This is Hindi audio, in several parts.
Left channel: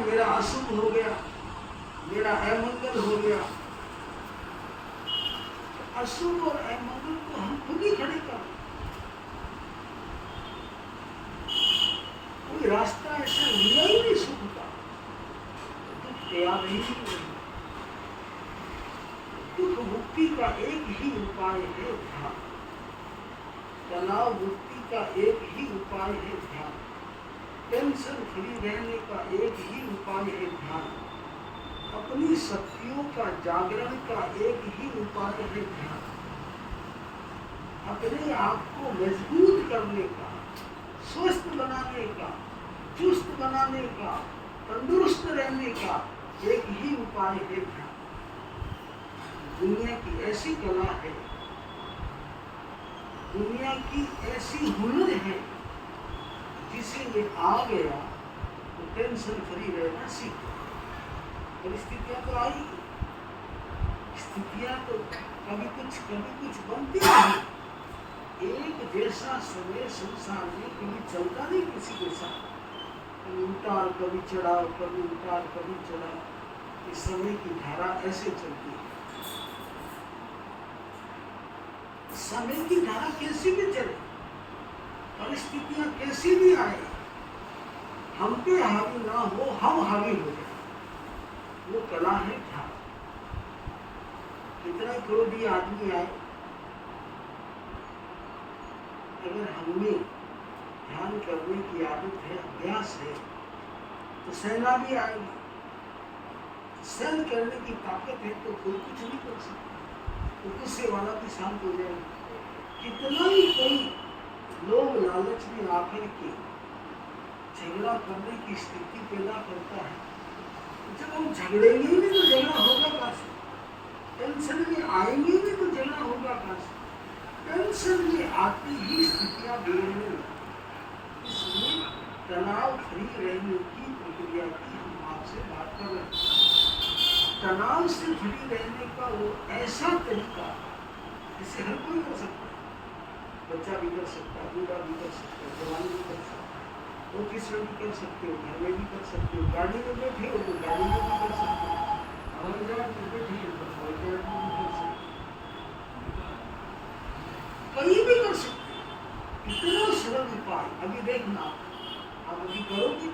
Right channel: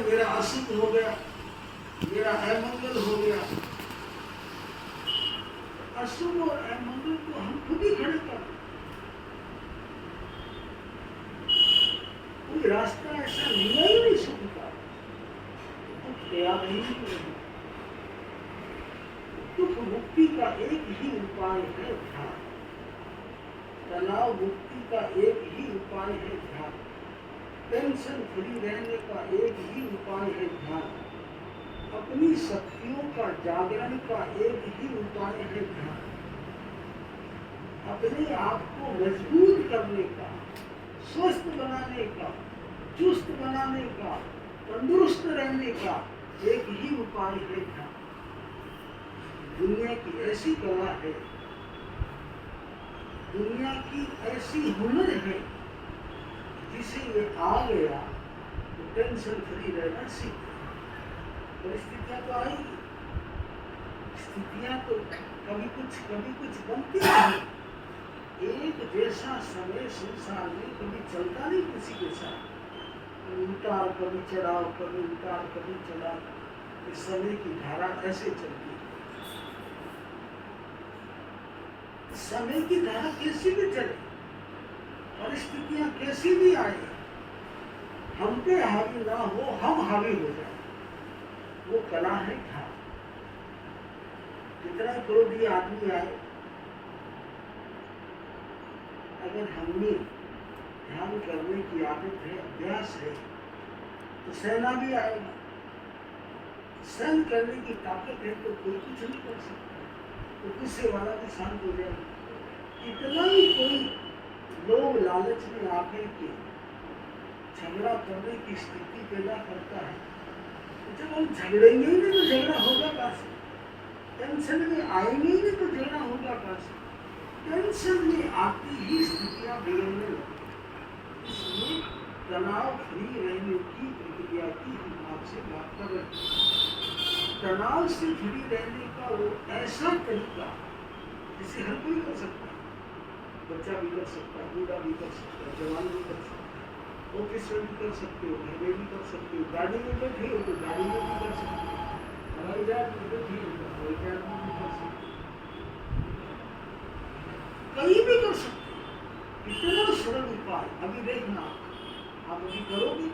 मेरा अशुभ हो गया, मेरा अमंगल हो गया। अशुभ और अमंगल को हम खुद ही खड़े कर, कोई रास्ता ऐसा मिला ही नहीं सुख का, दुख तैयार ही नहीं। दुख मुक्ति का एक ही उपाय है ध्यान, तनाव मुक्ति का एक ही उपाय है ध्यान, टेंशन फ्री रहने का एक ही उपाय है ध्यान, अपनी शक्तियों का जागरण का एक ही उपाय है ध्यान, अपने आप को मजबूत करने का, स्वस्थ बनाने का, चुस्त बनाने का, तंदुरुस्त रहने का एक ही उपाय है ध्यान। दुनिया की ऐसी कला है, दुनिया की ऐसी हुनर है, जिसे ये आ गया तो टेंशन फ्री रहना सीख। परिस्थितियां तो आई, स्थितियां तो कभी कुछ बनती नहीं। एक जैसा समय संसार में कभी चलता नहीं किसी के साथ, कभी उतार कभी चढ़ाव, कभी उतार कभी चढ़ाव। इस समय की धारा ऐसे चलती है। समय की धारा कैसी भी चले, परिस्थितियां कैसी भी आए, हम पे हावी ना हो, हम हावी हो जाए, वो कला है ध्यान। कितना क्रोधी आदमी आए, अगर हमें ध्यान करने की आदत है, अभ्यास है, तो सहना भी आएगा। सहन करने की ताकत है तो कोई कुछ नहीं कर सकता, तो गुस्से वाला भी शांत हो जाएगा। कितना ही कोई लोभ लालच में आकर के झगड़ा करने की स्थिति पैदा करता है, जब हम झगड़ेंगे ही नहीं तो झगड़ा होगा कहाँ से? टेंशन में आएंगे ही नहीं तो झगड़ा होगा कहाँ से? टेंशन में आती ही स्थितियां बिगड़ने लगती। इसलिए तनाव फ्री रहने की प्रक्रिया की हम आपसे बात कर रहे हैं। तनाव से फ्री रहने का वो ऐसा तरीका जिसे हर कोई कर सकता है, बच्चा भी कर सकता है, बूढ़ा भी कर सकता है, जवान भी कर सकता है, ऑफिस में भी कर सकते हो, घर में भी कर सकते हो, गाड़ी में बैठे हो तो गाड़ी में भी कर सकते हो, हवाई जहाज में बैठे हो तो हवाई जहाज में भी कर सकते हो, कहीं भी कर सकते हो। इतना सरल उपाय। अभी देखना, आप अभी करोगे,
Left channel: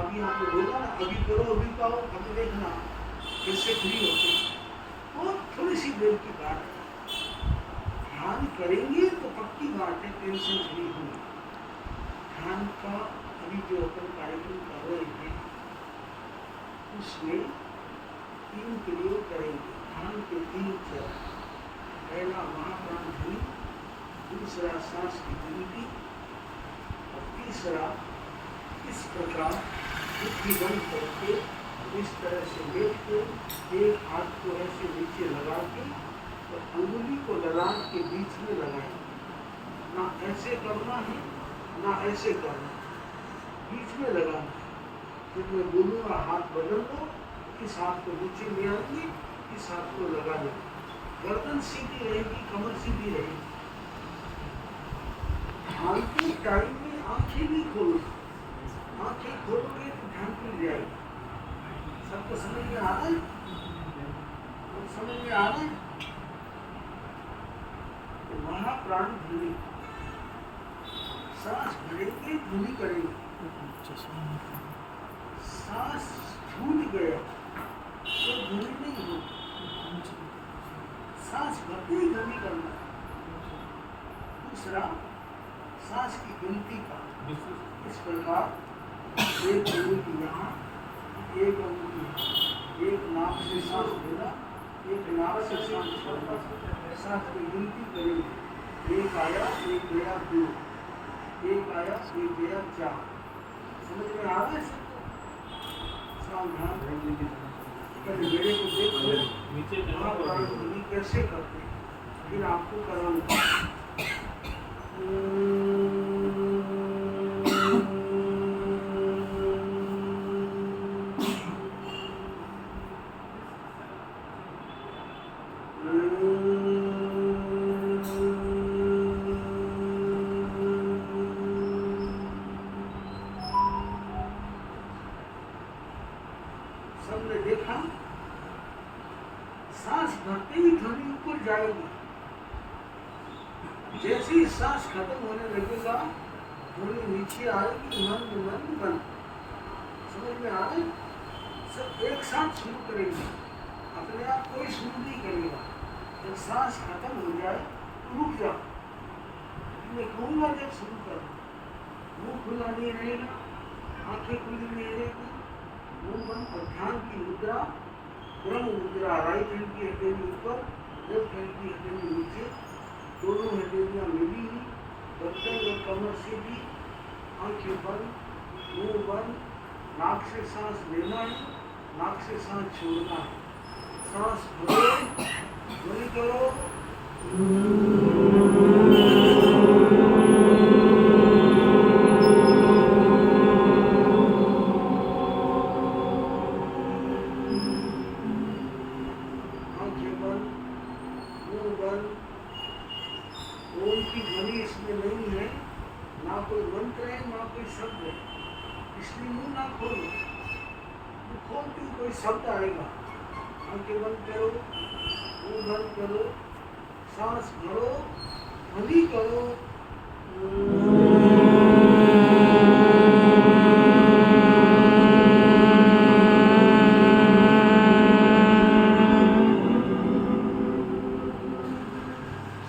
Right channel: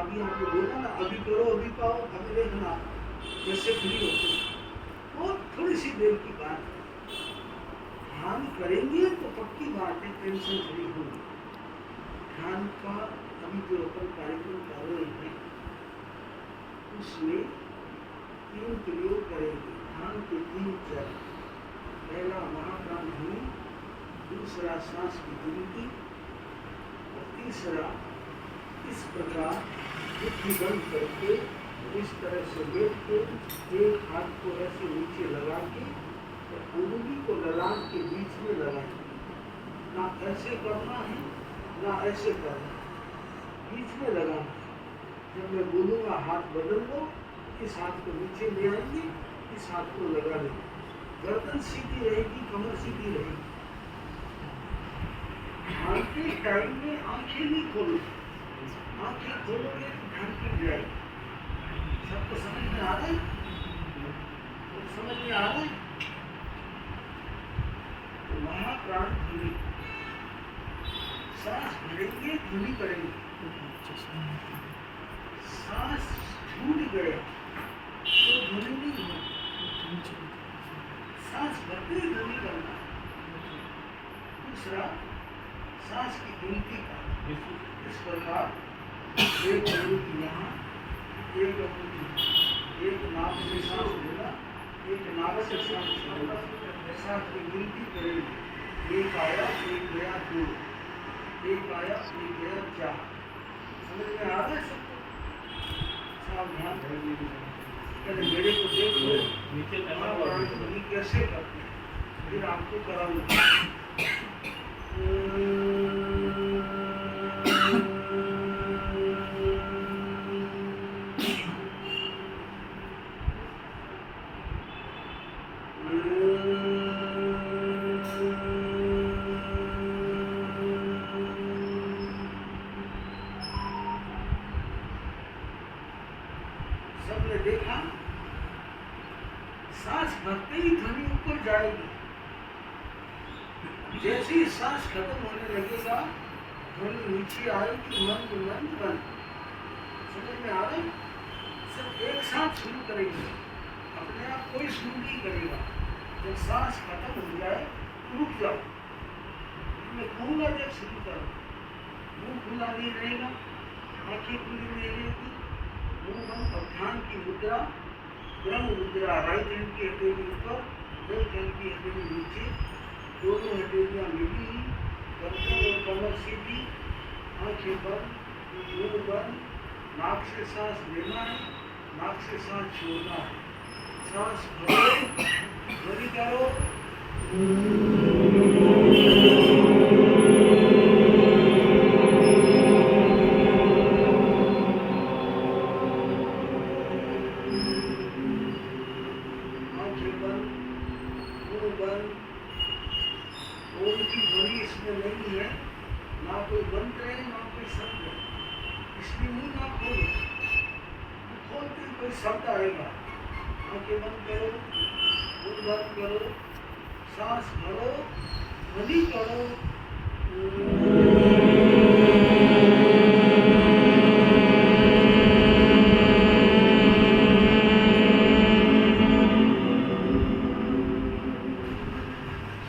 अभी आपको बोला ना, अभी करो, अभी पाओ, अभी देखना कैसे फ्री होते। और थोड़ी सी देर की बात है, ध्यान करेंगे तो पक्की बात है टेंशन फ्री होगी। ध्यान का अभी जो अपन कार्यक्रम कर रहे हैं उसमें 3 प्रयोग करेंगे। ध्यान के 3 चरण। पहला महाप्राण ध्यान, दूसरा सांस की गिनती और तीसरा इस प्रकार बुद्धि बंद करके इस तरह से बैठ के एक हाथ को ऐसे नीचे लगा के और उंगली को ललाट के बीच में लगाएंगे। ना ऐसे करना है ना ऐसे करना है, बीच में लगाना है। जब मैं बोलूँगा हाथ बदल दो, इस हाथ को नीचे ले आएंगे, इस हाथ को लगा देंगे। गर्दन सीधी रहेगी, कमर सीधी रहेगी। ध्यान के टाइम में आंखें नहीं खोलो, आंखें खोलोगे तो ध्यान टूट जाएगी। सबको समझ में आ रहा है? तो समझ में आ रहा है? तो महाप्राण ध्वनि, सांस भरेंगे, ध्वनि करेंगे। सांस छूट गया तो ध्वनि नहीं होगी, सांस भरते ही ध्वनि करना। दूसरा सांस की गिनती का, इस प्रकार एक अंगुली यहाँ, एक अंगुली, एक नाक से सांस लेना, एक नाक से सांस छोड़ना। सांस की गिनती करेंगे। एक आया, एक गया, 2, एक आया, एक गया, 4। समझ में आ रहा है? सावधान रहेंगे। पहले मेरे को देख लो, नीचे महाप्राण ध्वनि कैसे करते हैं, फिर आपको कराऊंगा। सबने देखा, सांस भरते ही ध्वनि ऊपर जाएगी। जैसे ही सांस खत्म होने लगेगा, ध्वनि नीचे आएगी, मंद मंद बंद। समझ में आ रही? सब एक साथ शुरू करेंगे, अपने आप कोई शुरू नहीं करेगा। जब सांस खत्म हो जाए रुक जाओ, मैं कहूँगा जब शुरू करो। मुंह खुला नहीं रहेगा, आंखें खुली नहीं रहेगी, मुंह बंद। और ध्यान की मुद्रा ब्रह्म मुद्रा, राइट हैंड की हथेली ऊपर, लेफ्ट हैंड की हथेली नीचे, दोनों हथेलियाँ मिली हुई, गर्दन और कमर सीधी, आंखें बंद, मुंह बंद। नाक से सांस लेना है, नाक से सांस छोड़ना है। सांस भरो, ध्वनि करो। आंखें बंद, मुंह बंद। ओम की ध्वनि इसमें नहीं है, ना कोई मंत्र है ना कोई शब्द है, इसलिए मुंह ना खोलो। खोलते कोई शब्द आएगा। आंखें बंद करो, मुंह बंद करो, सांस भरो, ध्वनि करो।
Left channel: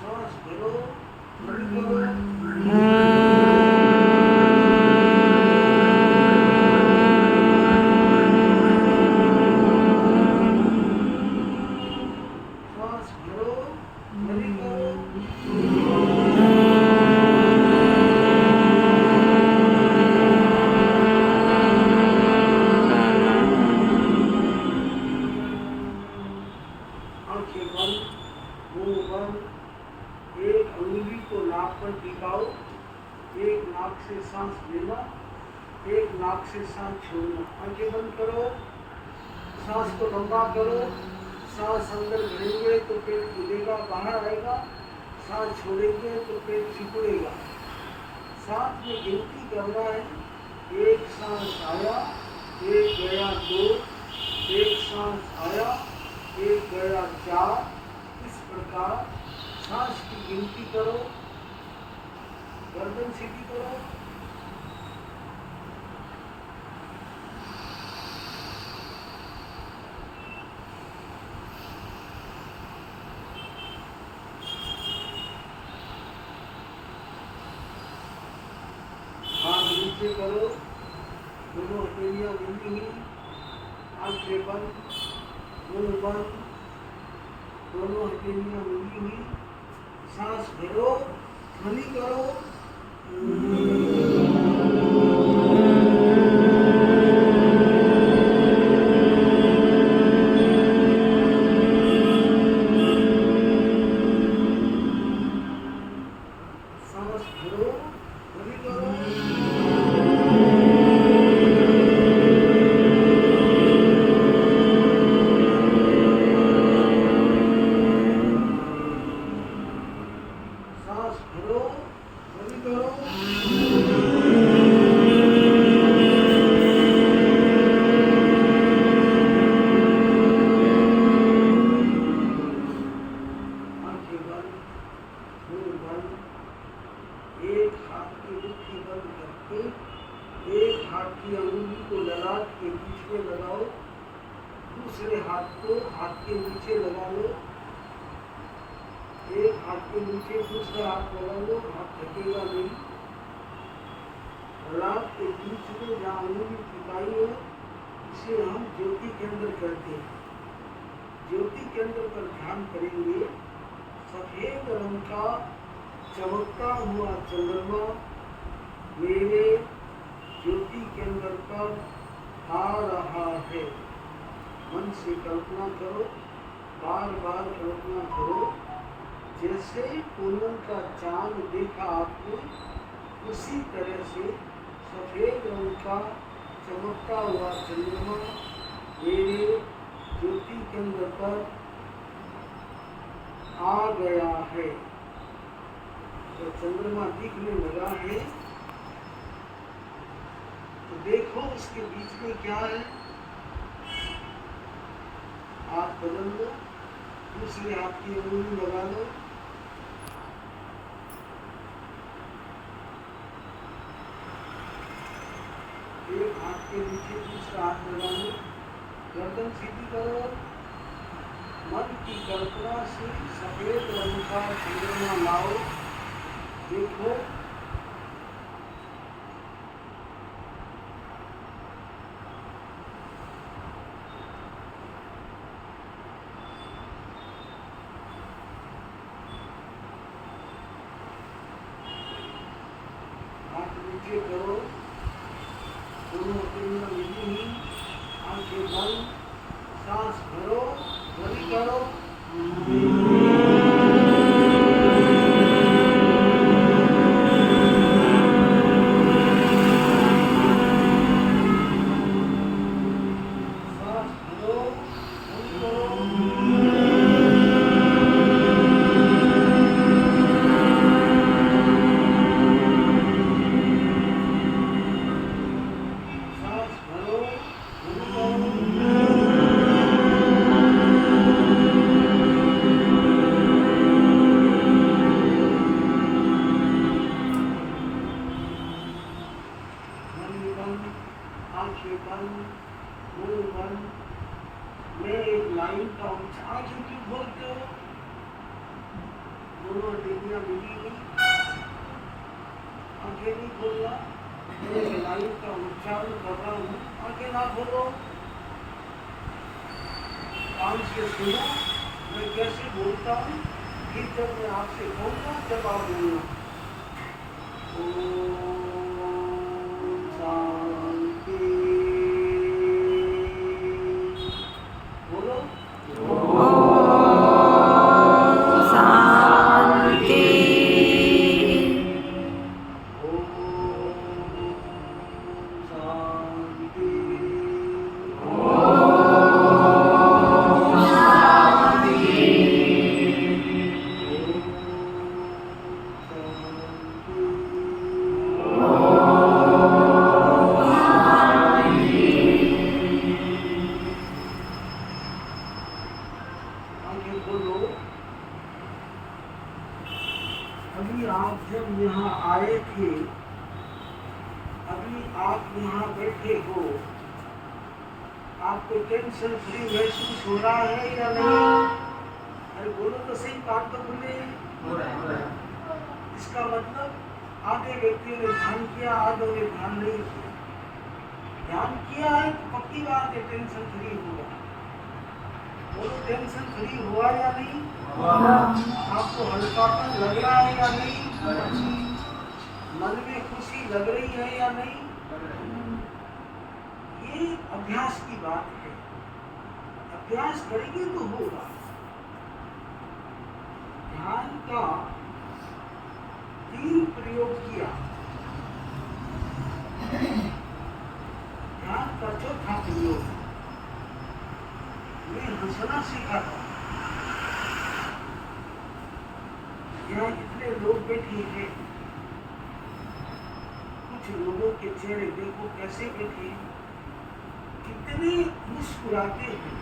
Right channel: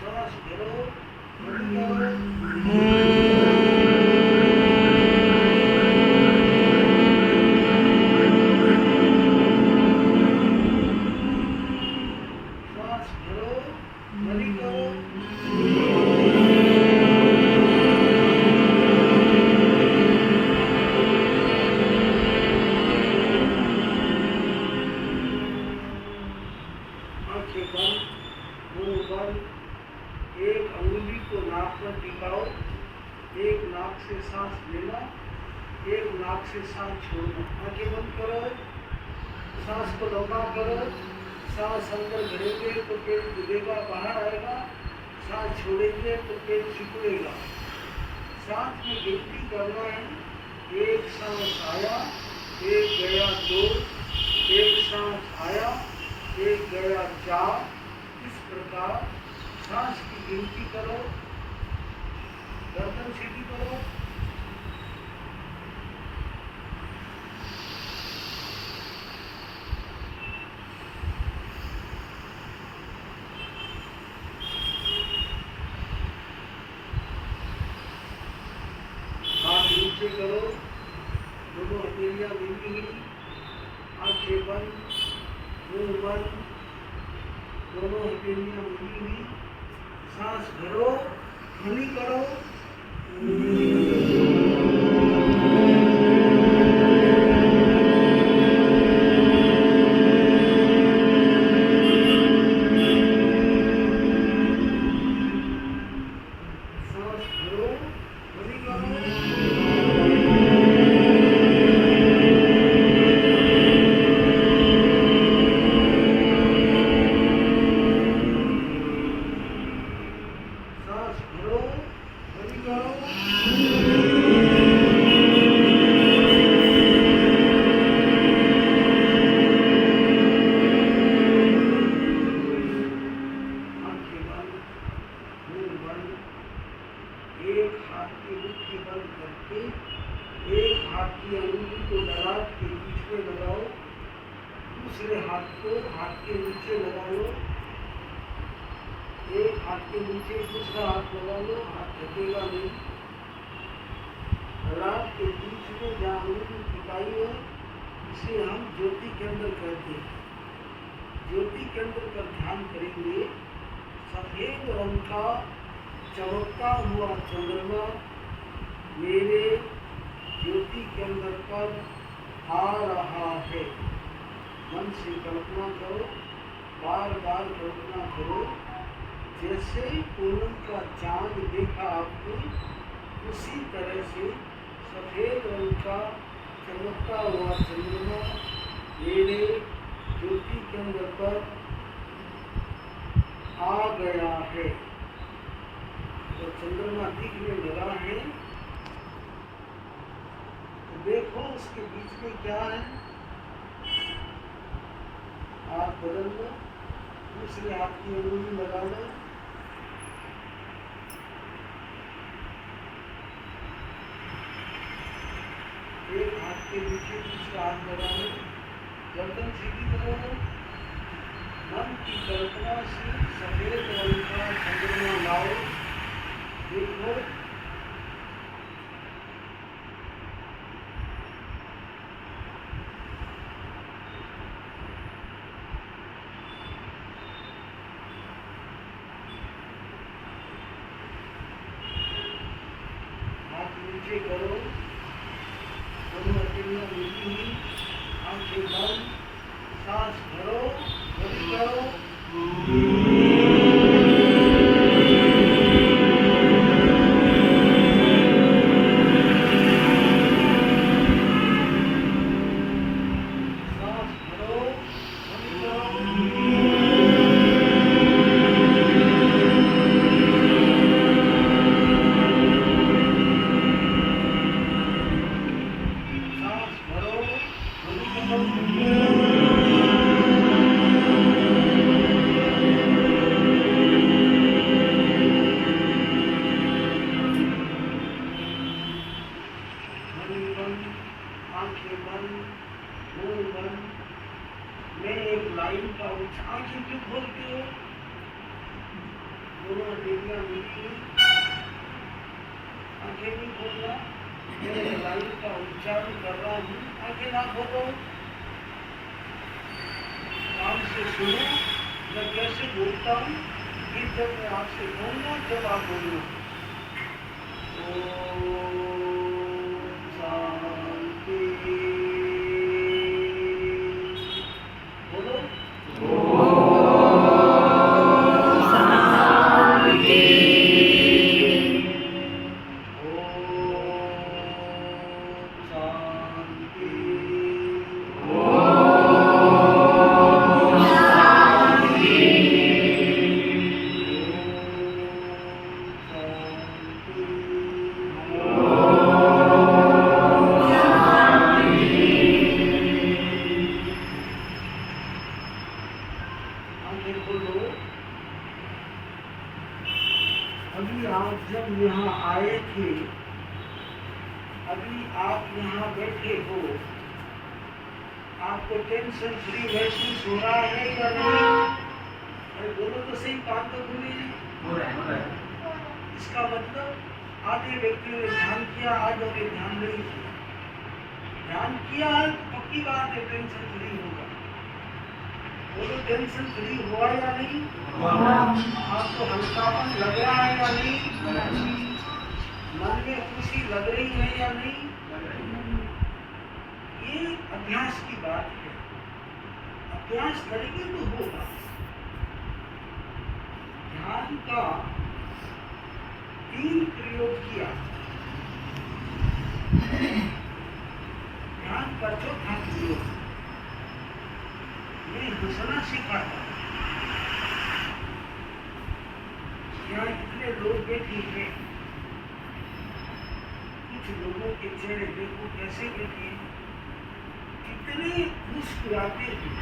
सांस भरो, ध्वनि करो। सांस भरो, ध्वनि करो। आंखें बंद, मुंह बंद। एक अंगुली को नाक पर टिकाओ, एक नाक से सांस लेना, एक नाक से सांस छोड़ना। आंखें बंद करो, सांस को लंबा करो। सांस अंदर भरेंगे तो पेट फूलेगा, बाहर आएगा। सांस छोड़ेंगे तो पेट सिकुड़ेगा। साथ में गिनती करना है, एक सांस आया, एक गया 2, एक सांस आया, एक गया 4। इस प्रकार सांस की गिनती करो, गर्दन सीधी करो। हाथ नीचे करो, दोनों हथेलियाँ मिली हुई, आंखें बंद, मुंह बंद, दोनों हथेलियाँ मिली हुई। सांस भरो, ध्वनि करो। सांस भरो, ध्वनि करो। सांस भरो, ध्वनि करो। आंखें बंद, मुंह बंद। एक हाथ की मुट्ठी बंद करके एक हाथ की अंगुली को ललाट के बीच में लगाओ, दूसरे हाथ को हाथ के नीचे लगा लो। एक हाथ के नीचे दूसरा हाथ लगा लो, हाथ थकेगा नहीं। ललाट के बीच में जहाँ अंगुली टिकाई है, इसे हम ज्योति केंद्र कहते हैं। ज्योति केंद्र पर ध्यान करेंगे। सफेद रंग का चमकता हुआ चंद्रमा मेरे ज्योति केंद्र पर आ रहा है। मन से कल्पना करो, बार बार कल्पना करो। जैसे पूनम का चांद देखा आपने, उसी तरह से सफेद रंग का चमकता हुआ चंद्रमा मेरे ज्योति केंद्र पर आ गया है। तो चंद्रमा दिखने लगा है, तो देखो उसके बीच में क्या है। हाथ बदल लो, दूसरे हाथ की अंगुली लगा लो, एक हाथ के नीचे दूसरा हाथ लगा लो, गर्दन सीधी करो, मन की कल्पना से सफेद रंग का चंद्रमा लाओ, देखो हाथ नीचे करो, दोनों हथेलियां मिली हुई, आंखें बंद, सांस भरो, बंद करो, सांस भरो, बंद करो, सांस भरो, बंद करो, मन बंद, आंखें बंद, मुंह बंद। मैं एक लाइन का आंखें क्यों खोलते हो? दोनों हथेलियां मिली हुई, आंखें नहीं खोलना। मैं एक लाइन का उच्चारण कर रहा हूँ, आंखें ना खोलो, कान से सुनो मैं कैसे बोलता हूँ, भीतर में आपसे कहूँगा जब आप बोलना। ओम शांति, बोलो शांति। ओम शांति, आंखें खोलो। अभी आप जब यहाँ आए थे, अभी आप यहाँ बैठे हो, आपको टेंशन फ्री महसूस हो रहा है या नहीं? अरे बोलो तो सही, बात तो बोले। हो रहा है। इसका मतलब आधे व्यक्तियों ने ध्यान किया, आधों ने ध्यान नहीं किया। ध्यान किया है तो पक्की बात है टेंशन फ्री होगा। बोलो टेंशन फ्री हुआ या नहीं? आपको हल्कापन लग रहा है या नहीं? मन में खुशी लग रही है या नहीं? ये अभ्यास की बात है, अभ्यास करेंगे तो होगा। ध्यान का 3 प्रयोग किया, ध्यान का चौथा प्रयोग मैं हंसना सिखाता। यहाँ इतने लोग बैठे हैं, कुछ लोगों के चेहरे देखो कैसे बैठे, कितने मुस्कुराते हैं,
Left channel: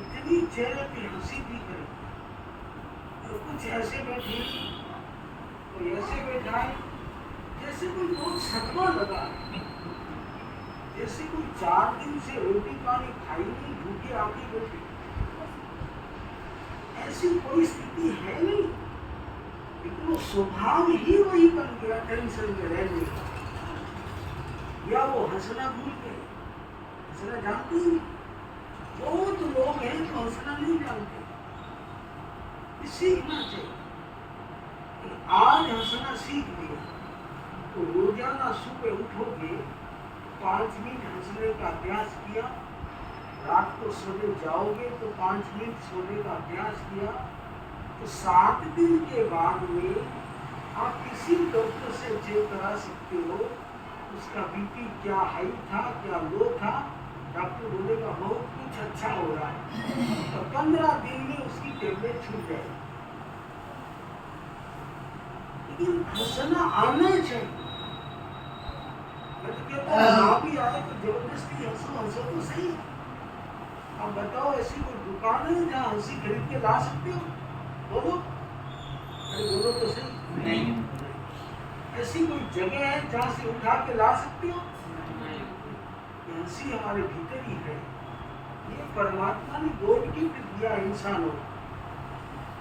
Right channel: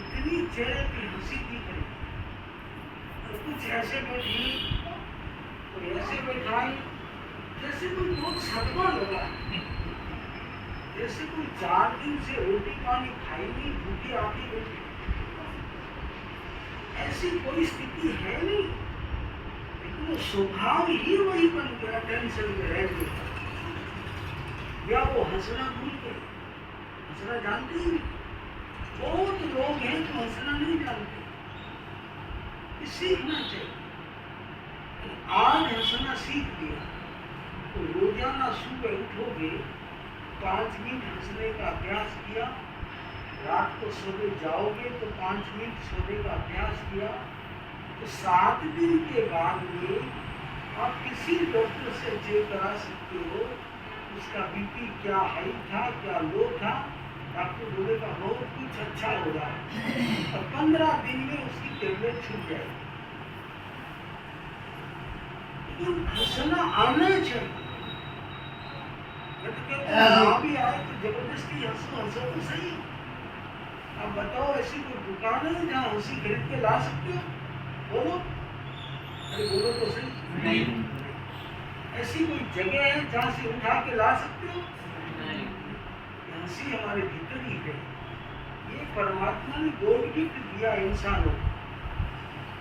इतनी चेहरे पे हंसी दिख रही। और कुछ ऐसे बैठे, कोई ऐसे बैठा है जैसे कोई बहुत सदमा लगा है, जैसे कोई 4 दिन से रोटी पानी खाई नहीं, भूखे आके बैठे। ऐसी कोई स्थिति है नहीं, लेकिन वो स्वभाव ही वही बन गया टेंशन में रहने का। या वो हंसना भूल गए, हंसना जानते ही नहीं। बहुत लोग हैं जो हंसना नहीं जानते, सीखना चाहिए। आज हंसना सीख लिया तो रोजाना सुबह उठोगे, 5 मिनट हंसने का अभ्यास किया, रात को सोने जाओगे तो 5 मिनट सोने का अभ्यास किया, तो 7 दिन के बाद में आप किसी डॉक्टर से चेक करा सकते हो उसका बीपी क्या हाई था क्या लो था। डॉक्टर बोलेगा बहुत कुछ अच्छा हो रहा है, और 15 दिन में उसकी टेबलेट छूट जाएगी। लेकिन हंसना आना चाहिए। मैं तो कहता हूँ भी आए तो जबरदस्ती हंसो, हंसो तो सही। अब बताओ ऐसी कोई दुकान है जहाँ हंसी खरीद के ला सकते हो? बोलो, अरे बोलो तो सही। नहीं। ऐसी कोई जगह है जहाँ से उठा के ला सकते हो? ये हंसी हमारे भीतर ही है। ये परमात्मा ने गॉड गिफ्ट दिया इंसानों।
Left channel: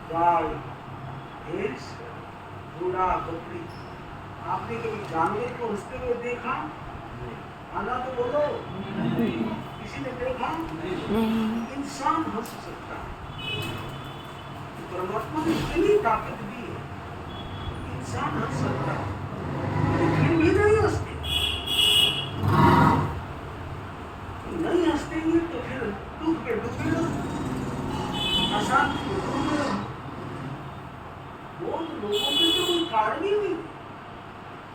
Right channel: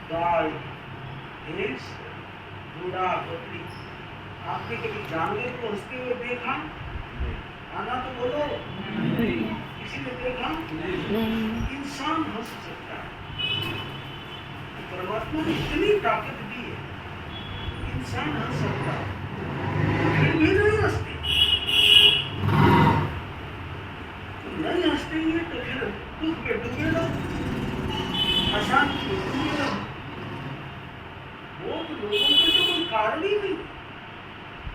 गाय, भैंस, घोड़ा, बकरी। आपने कभी जानवर को हंसते हुए देखा? आना तो बोलो। किसी ने देखा? इंसान हंस सकता है। परमात्मा ने इतनी ताकत दी है, इंसान हंस सकता है, फिर भी नहीं हंसते। नहीं हंसतेंगे तो फिर दुख में डूबे रहो, अशांति में डूबे रहो। बहुत लोगों के तो कोई कारण ही नहीं,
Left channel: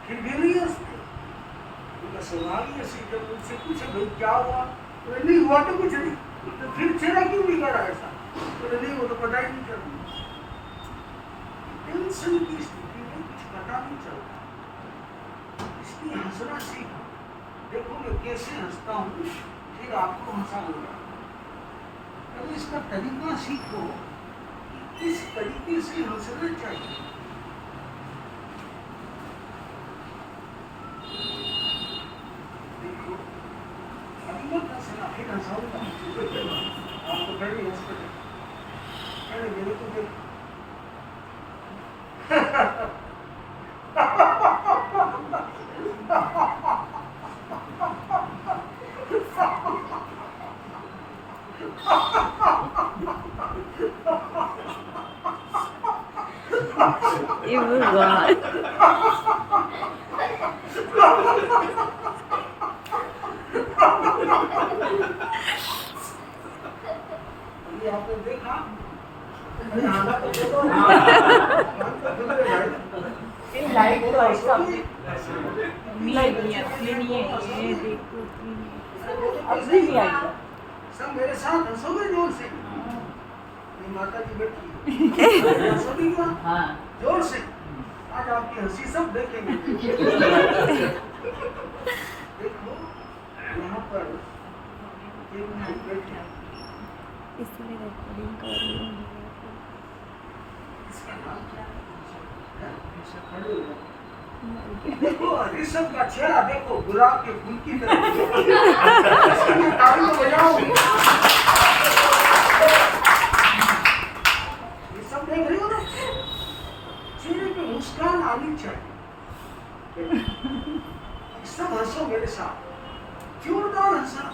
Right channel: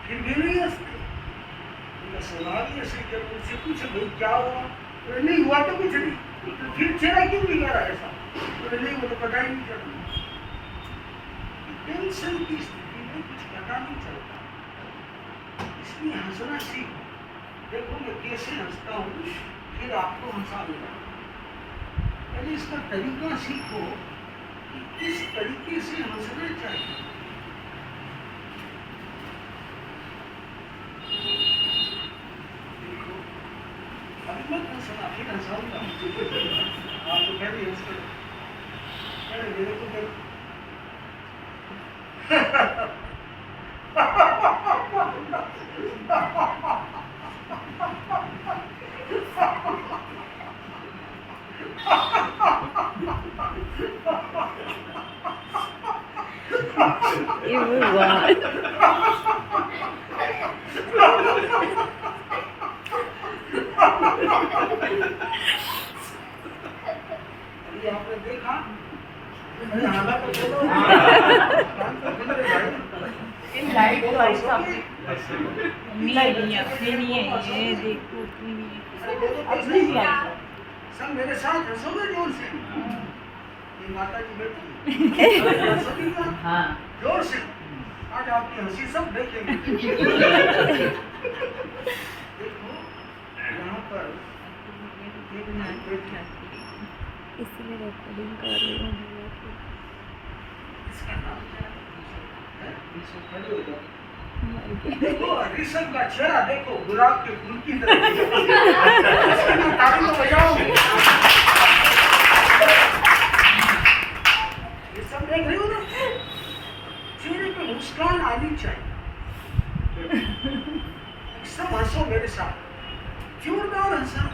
फिर भी नहीं हंसते। उनका स्वभाव ही ऐसे, जब उनसे पूछे भाई क्या हुआ, तो नहीं हुआ तो कुछ नहीं, तो फिर चेहरा क्यों बिगड़ा ऐसा? तो नहीं, वो तो पता ही नहीं चलता। टेंशन की स्थिति में कुछ पता नहीं चलता, इसलिए हंसना सीखो। देखो मैं कैसे हंसता हूँ, फिर आपको हंसाऊंगा। पहले इसका तरीका सीखो कि किस तरीके से हंसना चाहिए। देखो अभी मत हंसना, फिर हंसाऊंगा। आप तो पहले हंसते थे, पहले मेरे को देखो। ये भगवान। अभी आपने देखा? अरे हाँ तो बोलो, कान तो खुल रहे भाई। लाइट तो ऐसा लाइट नहीं है, ये देखो अरे बोलो तो ऐसे सही। ही ऐसा सब मेरे साथ हंसोगे जोर से। ये माता जी बैठी हंसोगी क्या? हाँ जोर से। आज आपकी हंसी सब देखेंगे। देखो यहाँ पर एक मिनट बैठे, इसलिए रिकॉर्डिंग कर रही हूँ। इसका नाम क्या है? इससे खड़े हो जाओ। देखो ऋषभ का चेहरा देखो, गुलाब के फूल की तरह। इसके लिए ताली तो बजाओ। ये सब देख रही हो ना? चेहरे पे मुस्कान आनी चाहिए। सब हंसो मेरे साथ, जोरदार हंसा,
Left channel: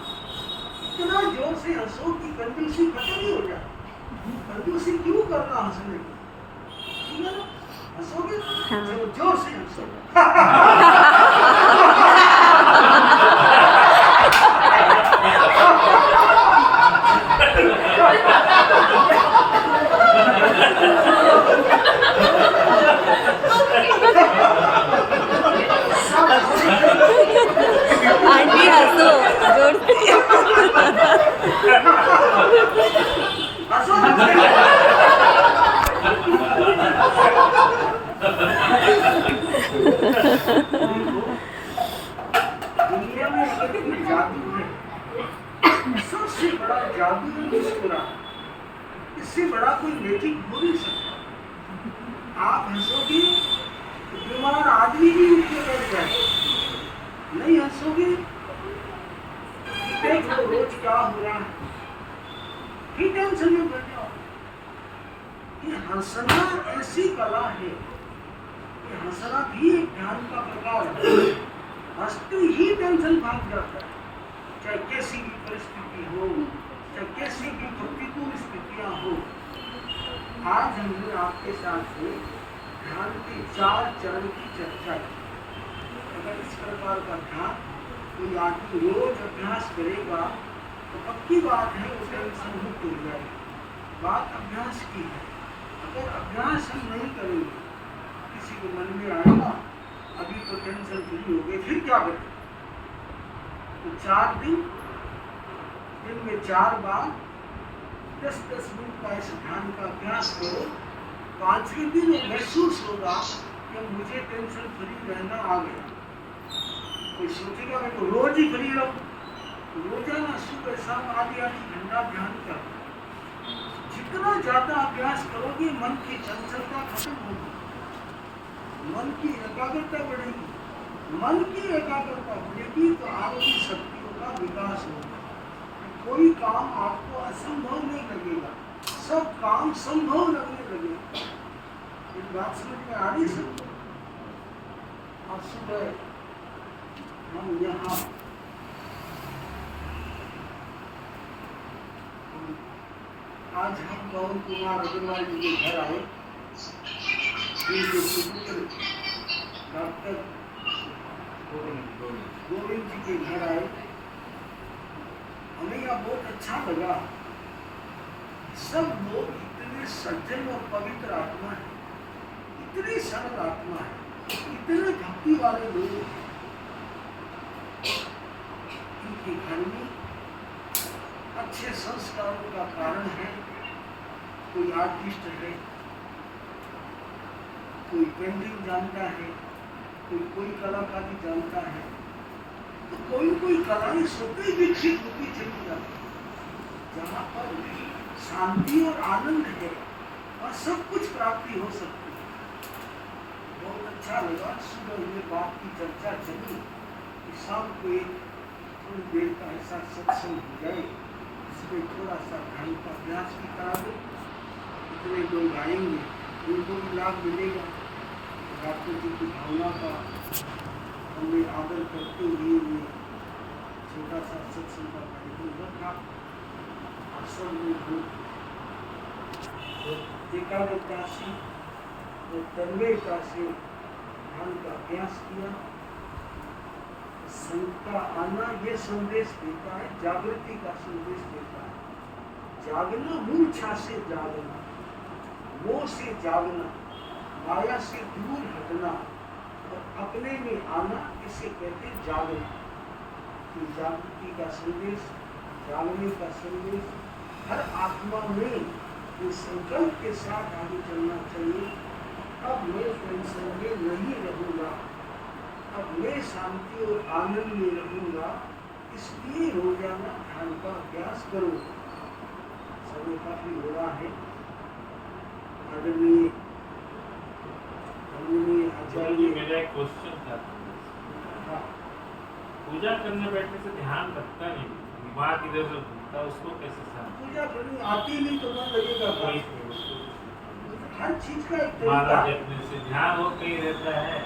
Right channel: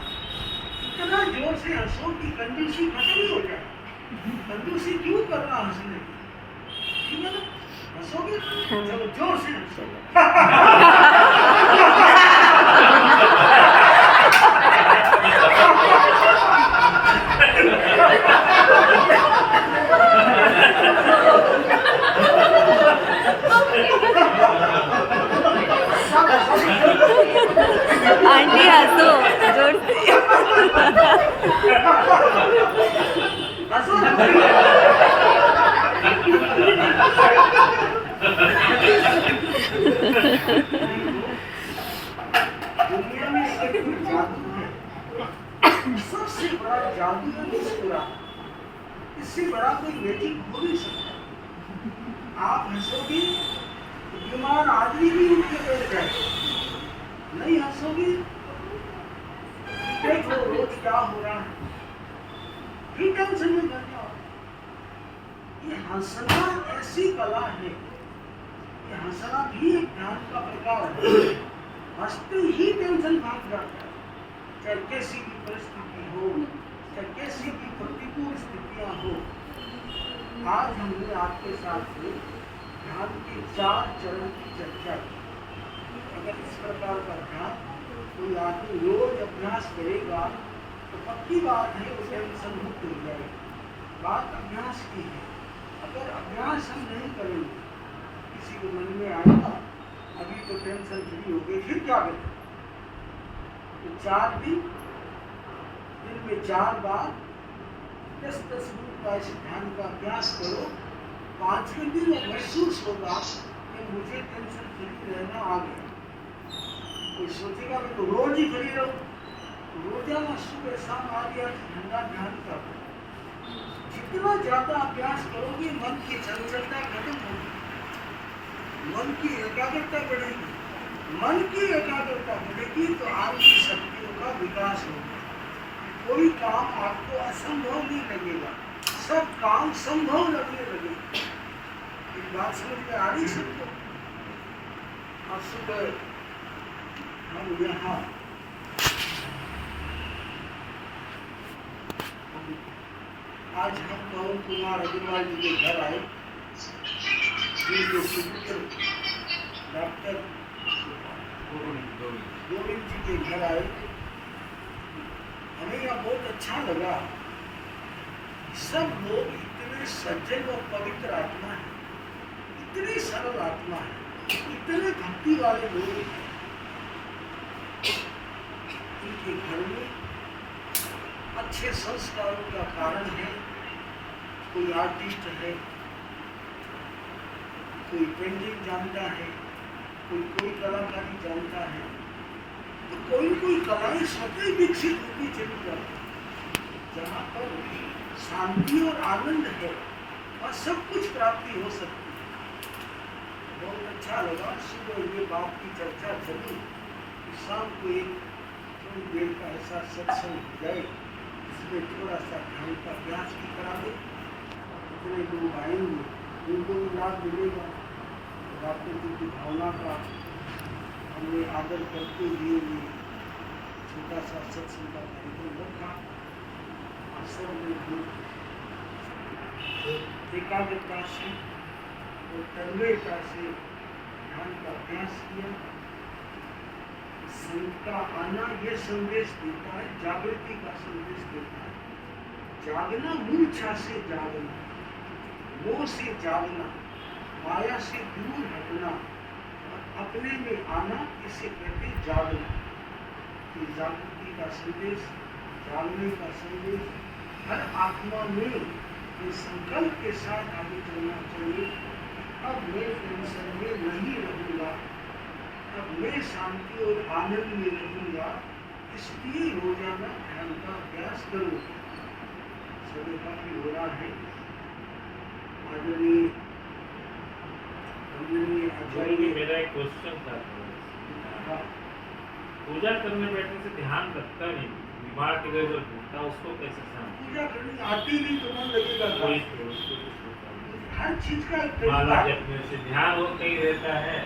इतना जोर से हंसो कि कंजूसी खत्म ही हो जाए। कंजूसी क्यों करना हंसने की? ठीक है ना? हंसोगे? चलो जोर से हंसो। आंटी हंसो जोर से। हंसो। दुनिया में अगर कोई जादू है, सबसे बड़ा जादू है मुस्कुराना। इससे बड़ा कोई मैजिक हो नहीं सकता। आप हंसोगे तो बीमार आदमी भी उठ के बैठ जाए। नहीं हंसोगे, देख लो रोज क्या हो रहा है, फिर टेंशन में बैठ जाओ। ये हंसना ऐसी कला है, ये हंसना भी एक ध्यान का प्रकार है। हंसते ही टेंशन भाग जाता है, चाहे कैसी भी परिस्थिति हो, चाहे कैसी भी प्रतिकूल स्थितियां हो। आज हमने आपके साथ से ध्यान के 4 चरण की चर्चा की। अगर इस प्रकार का ध्यान कोई आदमी रोज अभ्यास करेगा तो पक्की बात है वो टेंशन मुक्त हो जाएगी। बात अभ्यास की है। अगर अभ्यास हम नहीं करेंगे, किसी को मन में आएगा अभी तो टेंशन फ्री हो गई, फिर क्या करें? तो 4 दिन में 4 बार 10-10 मिनट का इस ध्यान का अभ्यास करो। 5वें दिन महसूस होगा कि मुझे टेंशन फ्री रहना आ गया। कोई सोचेगा मैं तो रोज ही फ्री रहूं, रोजाना सुबह शाम आदि घंटा ध्यान कर। जितना ज्यादा अभ्यास करोगे मन की चंचलता खत्म होगी, मन की एकाग्रता बढ़ेगी। मन की एकाग्रता बढ़ेगी तो आपकी शक्तियों का विकास होगा। कोई काम आपको असंभव नहीं लगेगा, सब काम संभव लगने लगेगा। एक बात समझ में आ रही सबको? आज सुबह हम यहाँ आज हम पवन कुमार अग्रवाल जी के घर आए, डॉक्टर गोविंद जी के घर आए। हमें यहाँ बहुत अच्छा लगा। सब लोग इतने सज्जन और पवित्र आत्मा है, इतनी सरल आत्मा है, इतने भक्ति वाले लोग। इनके घर में अच्छे संस्कारों का कारण है। कोई आर्टिस्ट है, कोई पेंटिंग जानता है, कोई कलाकारी जानता है, तो कोई कलाएं स्वतः विकसित होती चली जाती है। जहाँ पर शांति और आनंद है और सब कुछ प्राप्ति हो सकती है। बहुत अच्छा लगा। सुबह ये बात की चर्चा चली कि शाम को एक थोड़ी देर का ऐसा सत्संग हो जाए, इसमें थोड़ा सा ध्यान का अभ्यास भी करा दे। इतने लोग आएंगे, उनको भी लाभ मिलेगा। डॉक्टर जी की भावना का हमने आदर करते हुए छोटा सा सत्संग का कार्यक्रम रखा। सब लोग एकाग्रता से और तन्मयता से ध्यान का अभ्यास किया। संत का आना ये संदेश देता है, जागृति का संदेश देता है। जागना, मूर्छा से जागना, मोह से जागना, माया से दूर हटना और अपने में आना, इसे कहते जागना। ये जागृति का संदेश, जागने का संदेश हर आत्मा में इस संकल्प के साथ आगे चलना चाहिए। अब मैं टेंशन में नहीं रहूँगा, अब मैं शांति और आनंद में रहूँगा। इसलिए रोजाना ध्यान का अभ्यास करो। समय काफी हो रहा है। आदरणीय आचार्य, मेरा एक क्वेश्चन था। हाँ, पूजा करने बैठने से ध्यान लगता नहीं, दिमाग इधर उधर घूमता, उसको कैसे समझ? पूजा करनी आती नहीं तो मन लगेगा। हर चीज का एक माला तरीका है। जपने से ध्यान हो कहीं रहता है,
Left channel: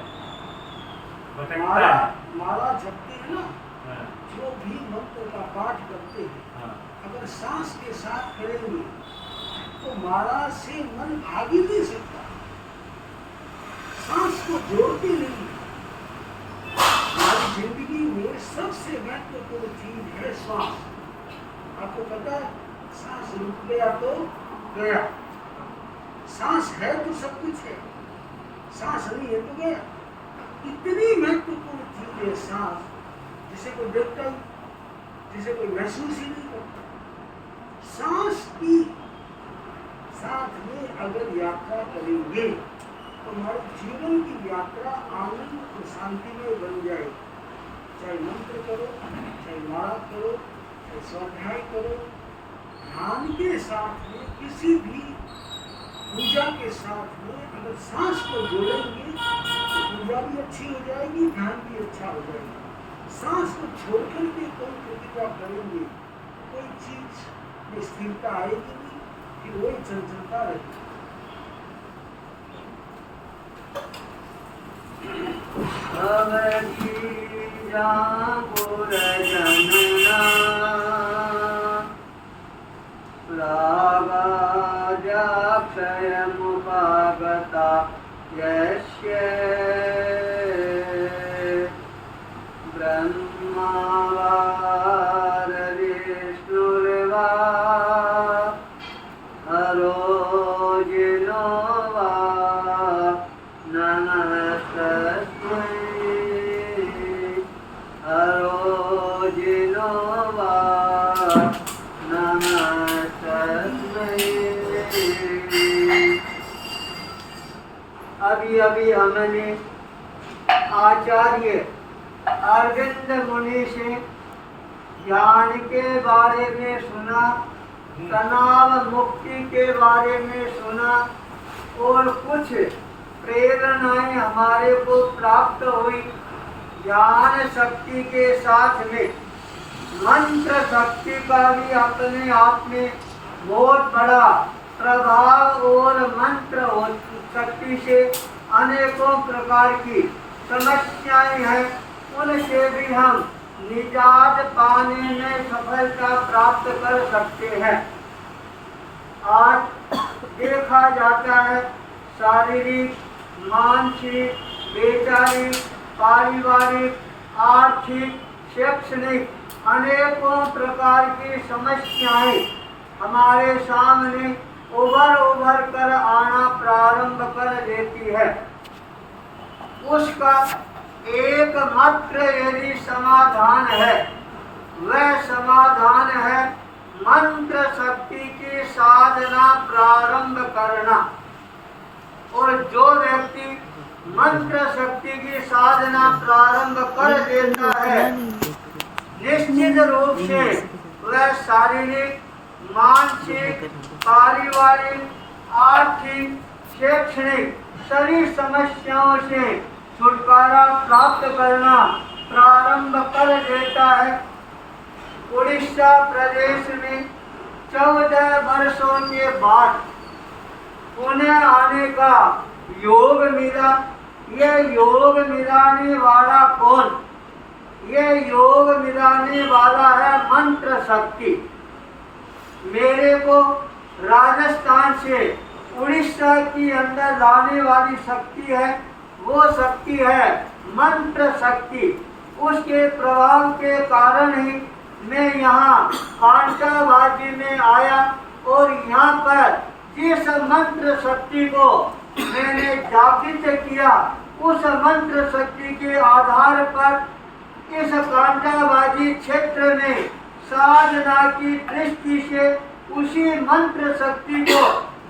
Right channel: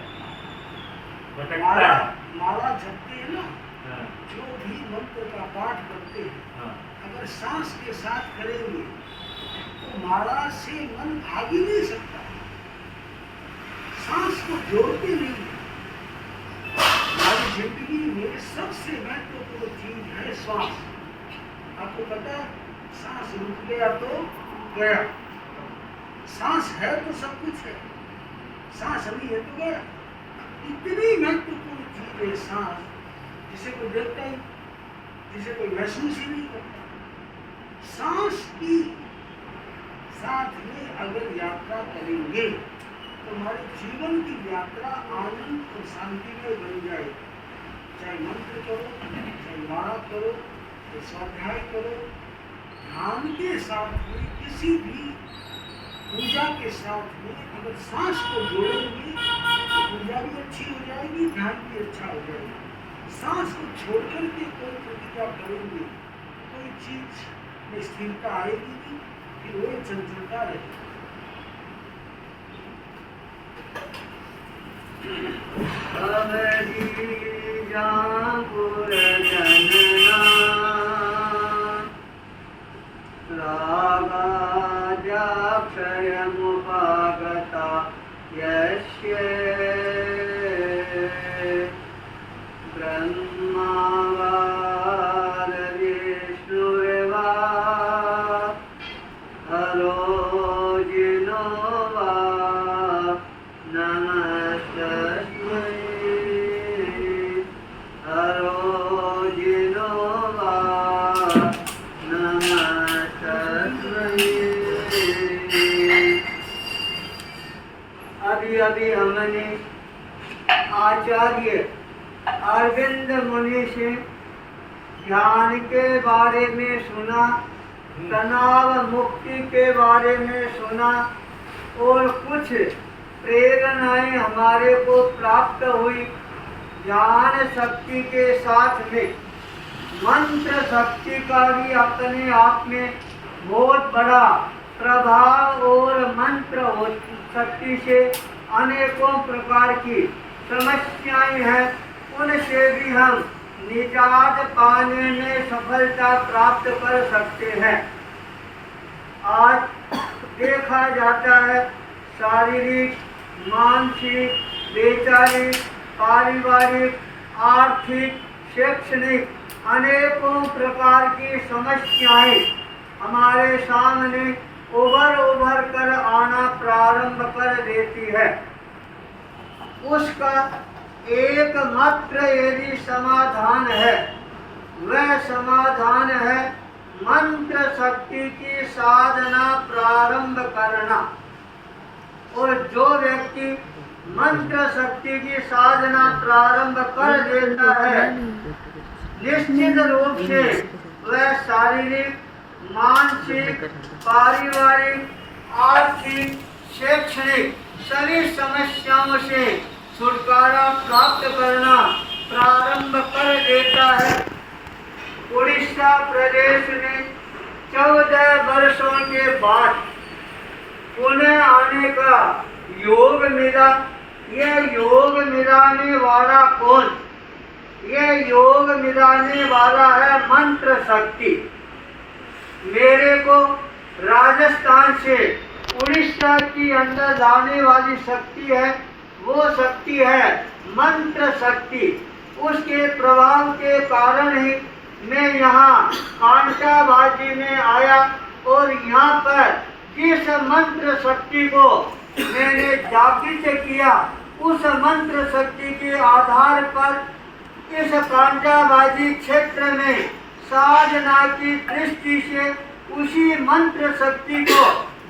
भटकता माला है। माला जपते हैं ना, हाँ, जो भी मंत्र का पाठ करते हैं, हाँ, अगर सांस के साथ करेंगे तो माला से मन भाग ही नहीं सकता। सांस को जोड़ते नहीं। हमारी जिंदगी में सबसे महत्वपूर्ण चीज है श्वास। आपको पता है, सांस रुक गया तो गया। सांस है तो सब कुछ है, सांस नहीं है तो गया। इतनी महत्वपूर्ण चीज है सांस, जिसे कोई देखता ही, जिसे कोई महसूस ही नहीं करता। सांस की साथ में अगर यात्रा करेंगे तो हमारे जीवन की यात्रा आनंद और शांति में बन जाएगी। चाहे मंत्र करो, चाहे माला करो, चाहे स्वाध्याय करो, ध्यान के साथ में, किसी भी पूजा के साथ में अगर सांस को जोड़ेंगे तो पूजा भी अच्छी हो जाएगी, ध्यान भी अच्छा हो जाएगा। सांस को छोड़ करके कोई प्रतिक्रिया करेंगे, कोई चीज में स्थिरता आएगी नहीं, फिर वही चंचलता रहेगी। रागाजाक्षयमुपागता यस्य ब्रह्मावारविष्णुर्वा हरोजिनो वा नमस्तस्मै हरोजिनो वा नमस्तस्मै। अभी हमने आचार्य अरविंद मुनि से ध्यान के बारे में सुना, तनाव मुक्ति के बारे में सुना और कुछ प्रेरणाएं हमारे को प्राप्त हुई। ज्ञान शक्ति के साथ में मंत्र शक्ति का भी अपने आप में बहुत बड़ा प्रभाव और मंत्र शक्ति से अनेकों प्रकार की समस्याएं हैं, उनसे भी हम निजात पाने में सफलता प्राप्त कर सकते हैं। आज देखा जाता है शारीरिक, मानसिक, वैचारिक, पारिवारिक, आर्थिक, शैक्षणिक अनेकों प्रकार की समस्याएं हमारे सामने उभर कर आना प्रारंभ कर देती है। उसका एकमात्र यदि समाधान है, वह समाधान है मंत्र शक्ति की साधना प्रारंभ करना। और जो व्यक्ति मंत्र शक्ति की साधना प्रारंभ कर देता है, निश्चित रूप से वह शारीरिक, मानसिक, पारिवारिक, आर्थिक, शैक्षणिक सभी समस्याओं से छुटकारा प्राप्त करना प्रारंभ कर देता है। उड़ीसा प्रदेश में 14 वर्षों के बाद पुनः आने का योग मिला। यह योग मिलाने वाला कौन? यह योग मिलाने वाला है मंत्र शक्ति। मेरे को राजस्थान से उड़ीसा की अंदर लाने वाली शक्ति है, वो शक्ति है मंत्र शक्ति। उसके प्रभाव के कारण ही मैं यहाँ कांटाबाजी में आया और यहाँ पर जिस मंत्र शक्ति को मैंने जागृत किया, उस मंत्र शक्ति के आधार पर इस कांटाबाजी क्षेत्र में साधना की दृष्टि से उसी मंत्र शक्ति को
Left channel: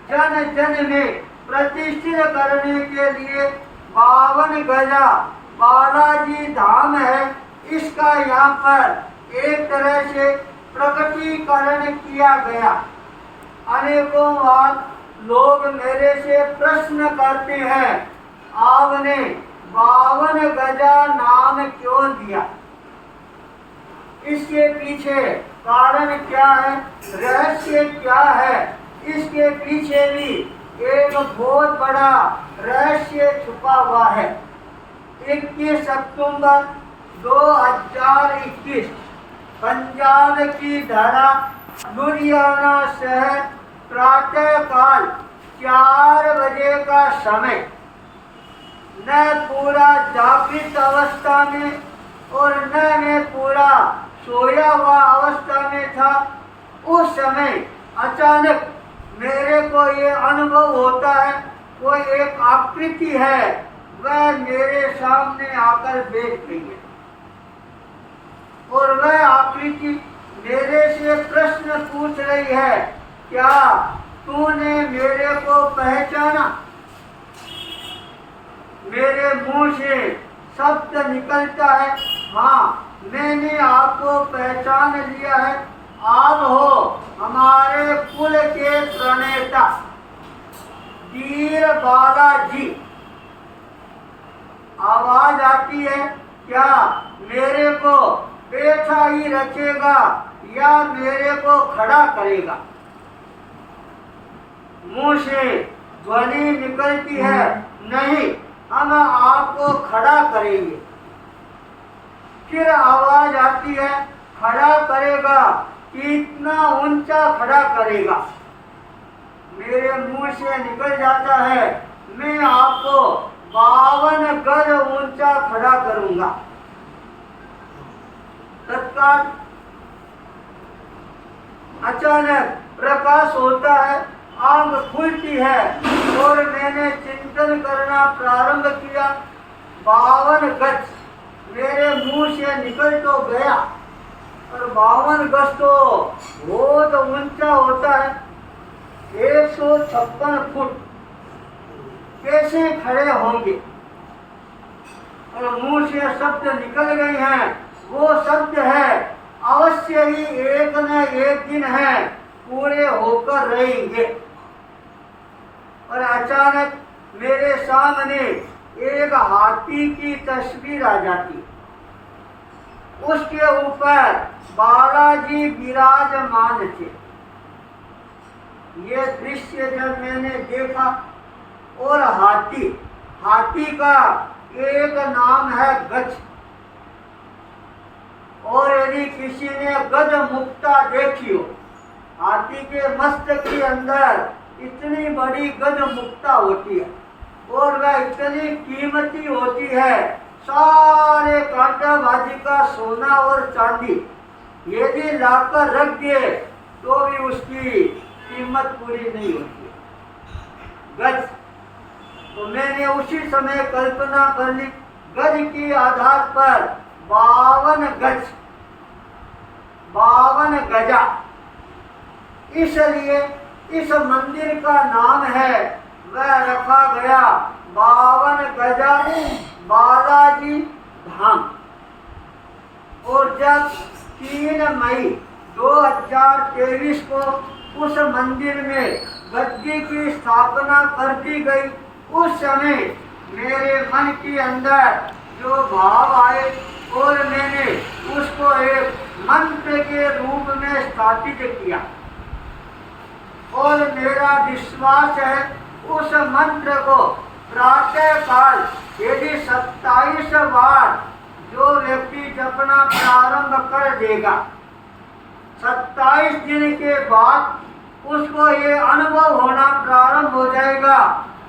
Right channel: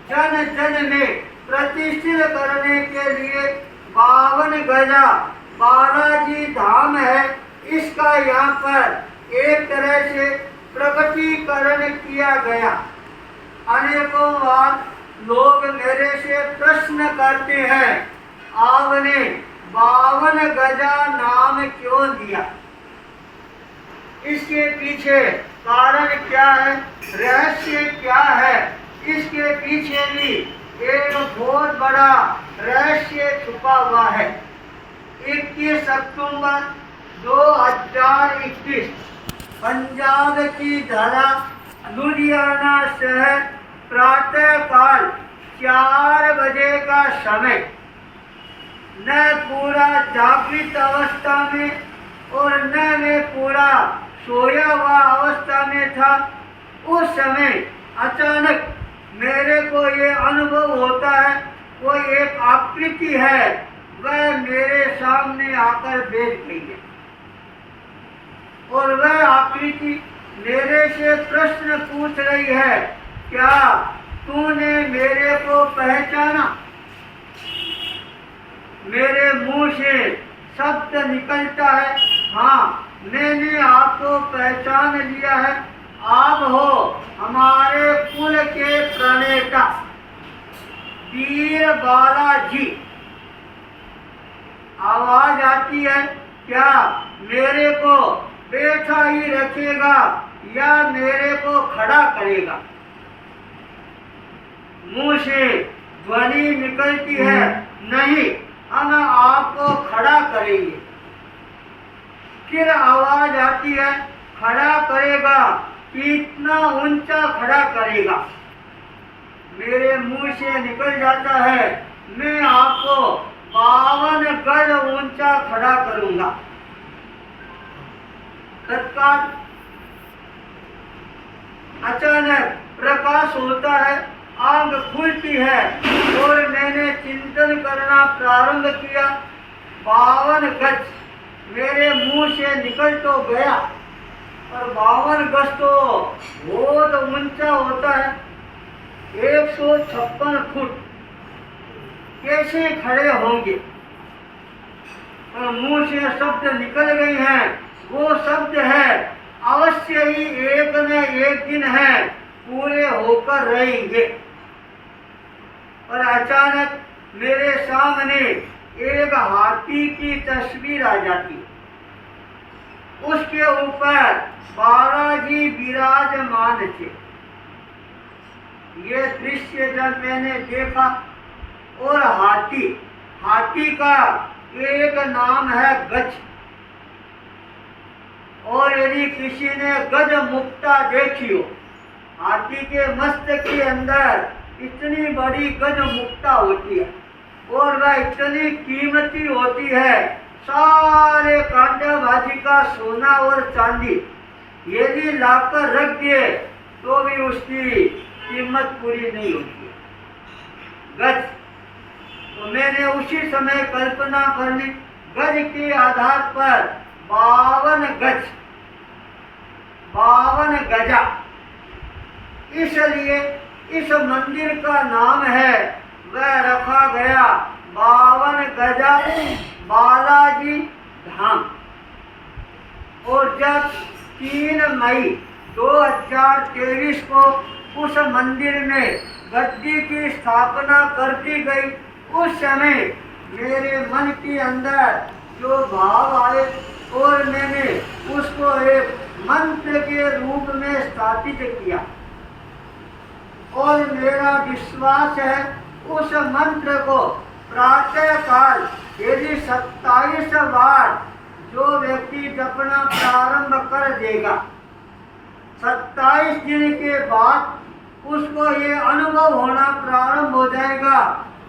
जन जन में प्रतिष्ठित करने के लिए 52 गजा बालाजी धाम है, इसका यहाँ पर एक तरह से प्रकटीकरण किया गया। अनेकों बार लोग मेरे से प्रश्न करते हैं, आपने 52 गजा नाम क्यों दिया? इसके पीछे कारण क्या है, रहस्य क्या है? इसके पीछे भी एक बहुत बड़ा रहस्य छुपा हुआ है। 21 अक्टूबर 2021 पंजाब की धरा लुधियाना शहर प्रातः काल 4 बजे का समय। मैं पूरा जागृत अवस्था में और न मैं पूरा सोया हुआ अवस्था में था। उस समय अचानक मेरे को ये अनुभव होता है, वो एक आकृति है, वह मेरे सामने आकर बैठ गई है और वह आकृति मेरे से प्रश्न पूछ रही है, क्या तूने मेरे को पहचाना? मेरे मुंह से शब्द निकलता है, हाँ मैंने आपको पहचान लिया है, आप हो हमारे कुल के प्रणेता वीर बालाजी। आवाज आती है, क्या मेरे को बैठा ही रखेगा या मेरे को खड़ा करेगा? मुंह से ध्वनि निकलती है, नहीं हम आपको खड़ा करेंगे। फिर आवाज आती है, खड़ा करेगा, कितना ऊंचा खड़ा करेगा? मेरे मुंह से निकल जाता है, मैं आपको 52 गज ऊंचा खड़ा करूंगा। तत्काल अचानक प्रकाश होता है, आंख खुलती है और मैंने चिंतन करना प्रारंभ किया। 52 गज मेरे मुंह से निकल तो गया, पर 52 गज तो बहुत ऊंचा होता है, 156 फुट कैसे खड़े होंगे? और मुंह से शब्द निकल गए हैं, वो शब्द है अवश्य ही एक न एक दिन है पूरे होकर रहेंगे। और अचानक मेरे सामने एक हाथी की तस्वीर आ जाती, उसके ऊपर बालाजी विराजमान थे। ये दृश्य जब मैंने देखा, और हाथी का एक नाम है गज, और यदि किसी ने गज मुक्ता देखी हो, हाथी के मस्तक के अंदर इतनी बड़ी गज मुक्ता होती है और वह इतनी कीमती होती है, सारे कांटाबाजी का सोना और चांदी यदि लाकर रख दिए तो भी उसकी कीमत पूरी नहीं होती है। गज, तो मैंने उसी समय कल्पना कर ली, गज के आधार पर 52 गज, 52 गजा, इसलिए इस मंदिर का नाम है, वह रखा गया 52 गजा बालाजी धाम। और जब 3 मई 2023 को उस मंदिर में गद्दी की स्थापना कर दी गई, उस समय मेरे मन के अंदर जो भाव आए और मैंने उसको एक मंत्र के रूप में स्थापित किया। और मेरा विश्वास है उस मंत्र को प्रातः काल यदि 27 बार जो व्यक्ति जपना प्रारंभ कर देगा, 27 दिन के बाद उसको ये अनुभव होना प्रारंभ हो जाएगा,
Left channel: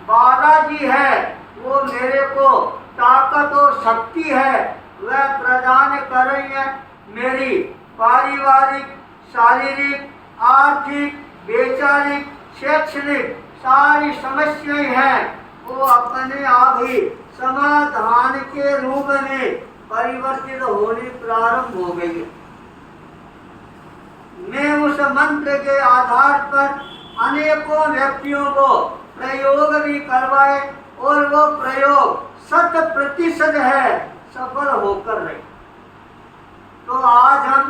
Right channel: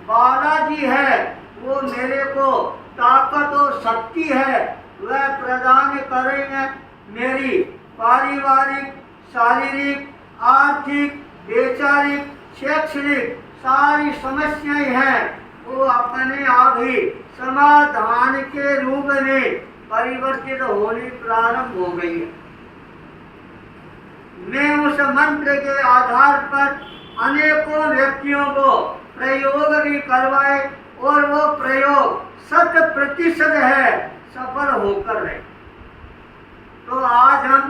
बालाजी है वो मेरे को ताकत और शक्ति है वह प्रदान करेंगे। मेरी पारिवारिक, शारीरिक, आर्थिक, वैचारिक, शैक्षणिक सारी समस्याएं हैं वो अपने आप ही समाधान के रूप में परिवर्तित होनी प्रारंभ हो गई है। मैं उस मंत्र के आधार पर अनेकों व्यक्तियों को प्रयोग भी करवाए और वो प्रयोग 100% है सफल होकर रहे। तो आज हम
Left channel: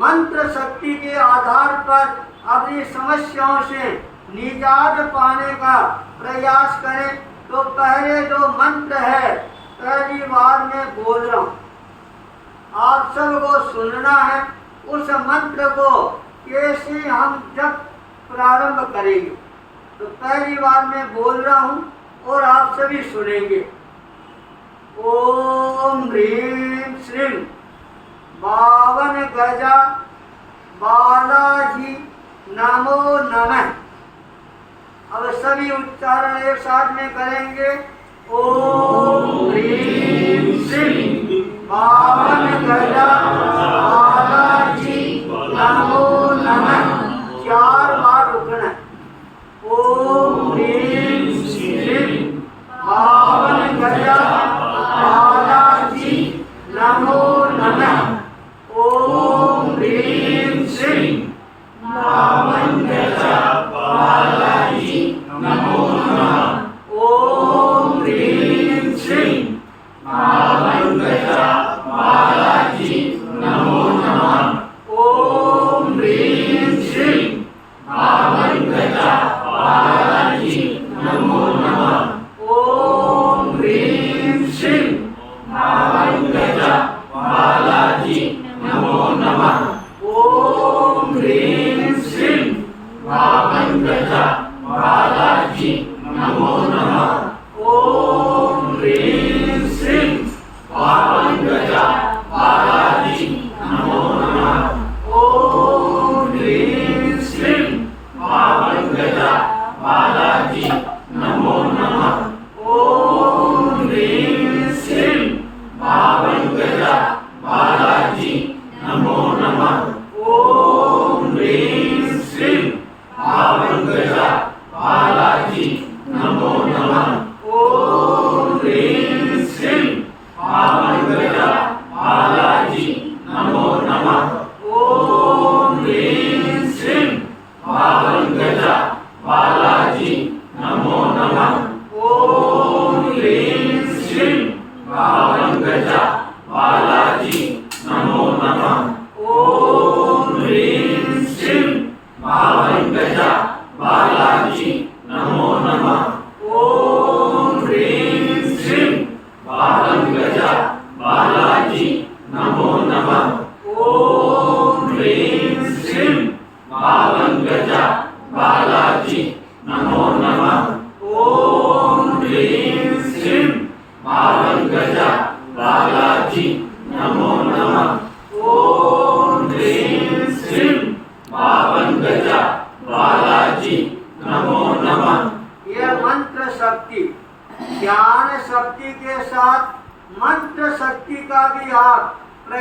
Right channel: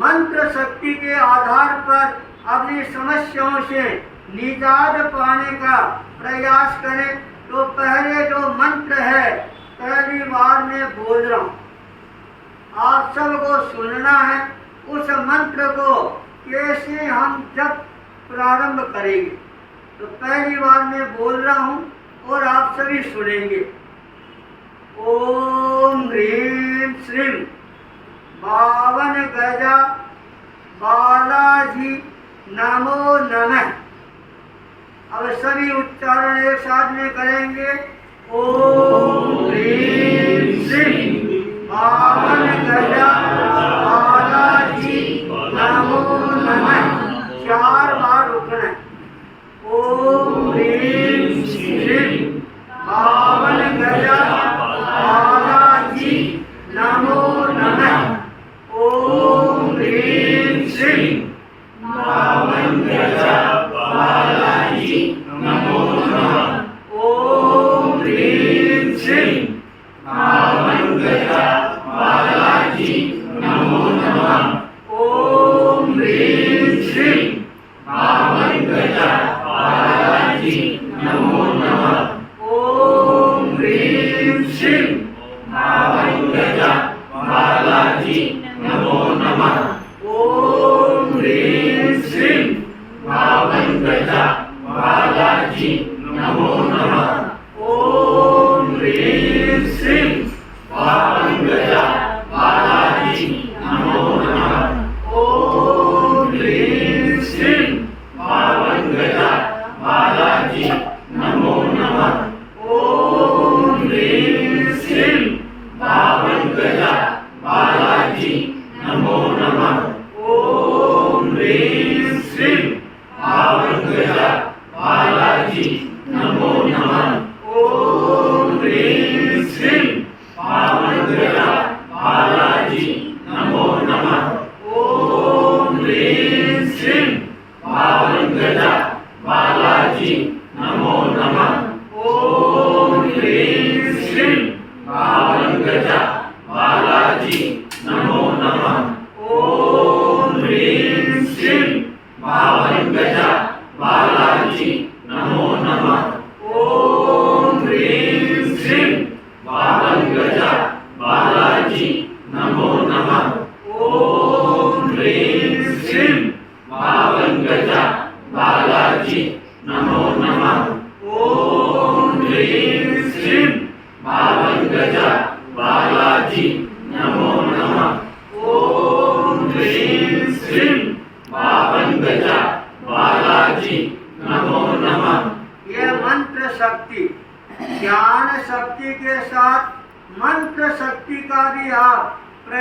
मंत्र शक्ति के आधार पर अपनी समस्याओं से निजात पाने का प्रयास करें। तो पहले जो मंत्र है पहली बार मैं बोल रहा हूँ, आप सबको सुनना है। उस मंत्र को कैसे हम जब प्रारंभ करेंगे, तो पहली बार मैं बोल रहा हूँ और आप सभी सुनेंगे। ओम ह्रीं श्रीं 52 गजा बालाजी नमो नमः। अब सभी उच्चारण एक साथ में करेंगे। ओम ह्रीं श्रीं 52 गजा बालाजी नमो नमः। 4 बार रुकना है। ओम ह्रीं श्रीं 52 गजा बालाजी नमो नमः। ओम ह्रीं श्रीं 52 गजा बालाजी नमो नमः। ओम ह्रीं श्रीं 52 गजा बालाजी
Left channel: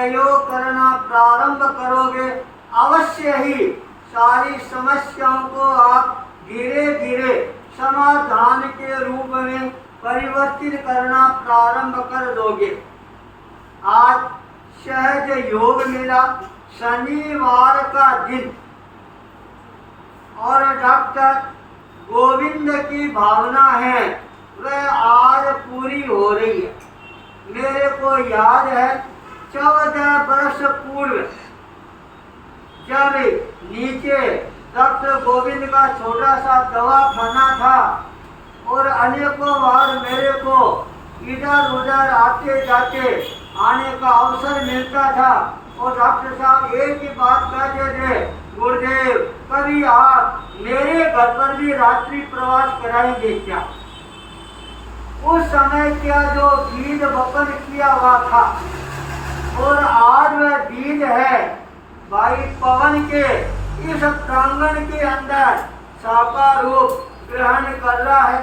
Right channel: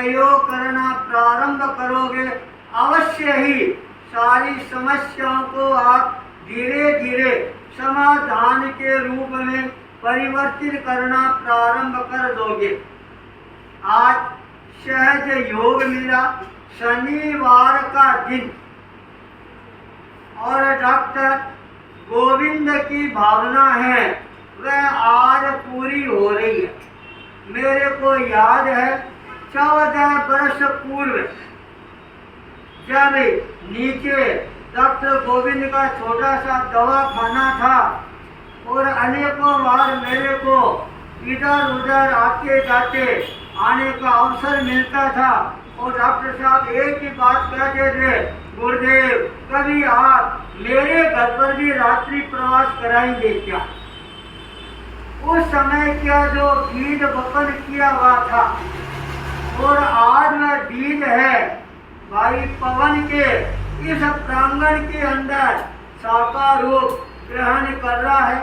प्रयोग करना प्रारंभ करोगे, अवश्य ही सारी समस्याओं को आप धीरे धीरे समाधान के रूप में परिवर्तित करना प्रारंभ कर दोगे। आज सहज योग मिला, शनिवार का दिन, और डॉक्टर गोविंद की भावना है वह आज पूरी हो रही है। मेरे को याद है 14 वर्ष पूर्व जब नीचे डॉक्टर गोविंद का छोटा सा दवाखाना था और अनेकों बार मेरे को इधर उधर आते जाते आने का अवसर मिलता था और डॉक्टर साहब एक ही बात कहते थे, गुरुदेव कभी आप मेरे घर पर भी रात्रि प्रवास कराएंगे क्या? उस समय क्या जो बीज वपन किया हुआ था और आज वह बीज है भाई पवन के इस प्रांगण के अंदर साकार रूप ग्रहण कर रहा है